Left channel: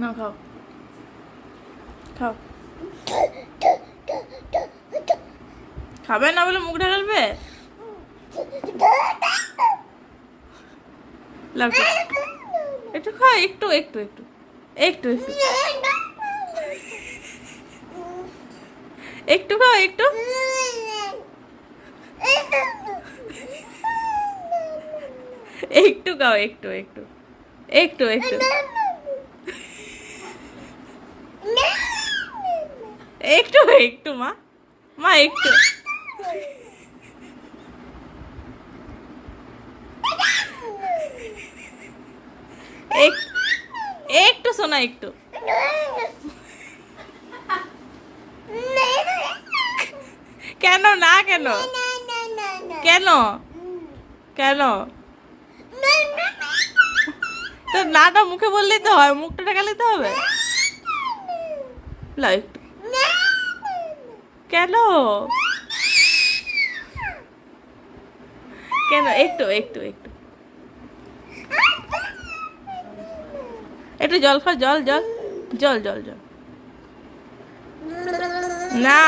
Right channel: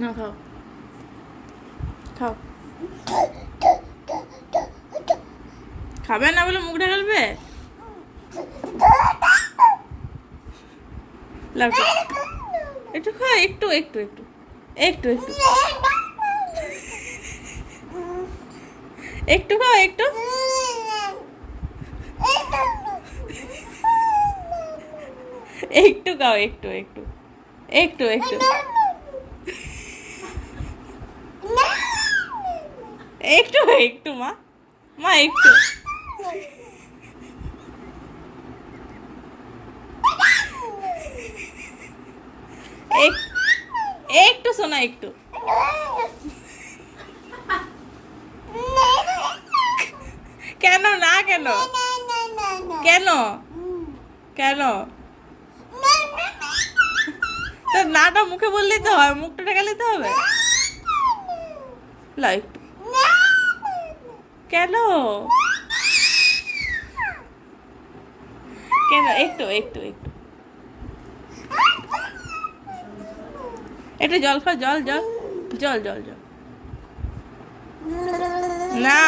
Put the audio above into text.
না খাও খাও খাবে না বলে মুখ ঢাকালবে একটু খাও একটু একটু একটু একটু একটু একটু খাও একটু একটু খাও একটু একটু একটু একটু একটু একটু, মা। মা, একটু। এক- একটু শোনা, একটু। কেন, না, কেন? কেন? কেন? তো নাটা মুখে বললেই তো হয়, মুখটা ঢাকালেই তো হবে। একটু। কেন? কেন? একটু একটু একটু। একটু জল খা জল জল জল জল জল। না।